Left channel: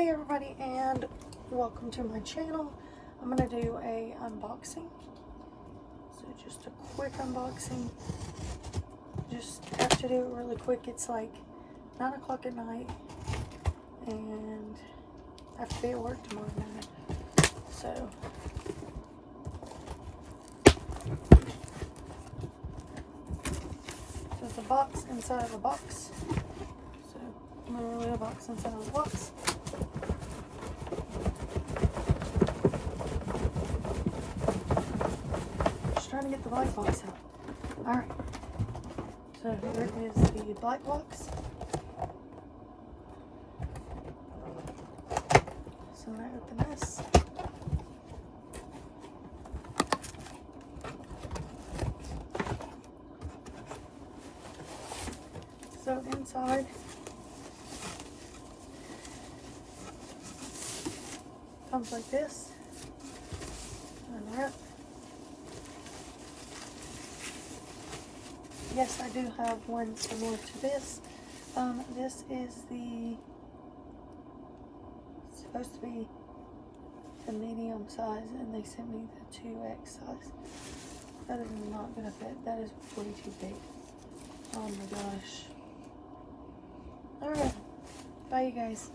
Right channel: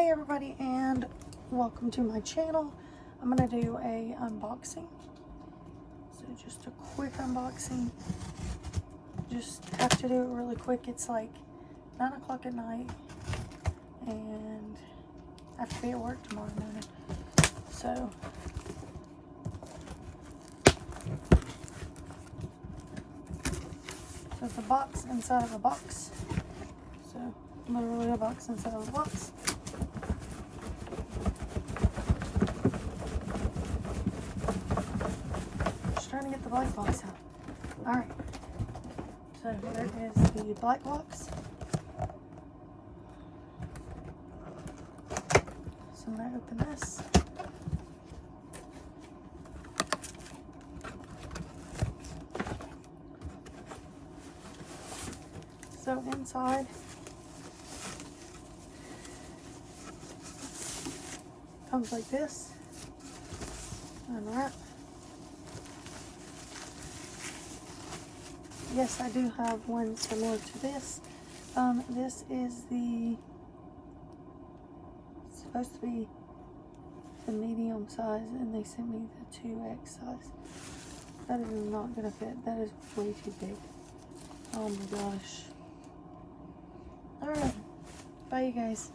Hey everybody, and welcome to my channel. I'm going to do a unboxing. So just a quick unboxing. Just have to do it really quick. It's like 9 o'clock at night and I have to be at work tomorrow morning. So it's a box inside of a box. So I'm going to really unbox inside of a box. Trying to get the black box out. Alright, so here is the black box. So I'm going to open this. So inside comes like this. Unwrap. Yes, I do have one similar to this. This is supposed to be the medium size, and they sent me the 2X size. That is not gonna fit. That is way too big. Oh my gosh. Alright. Bye, you guys.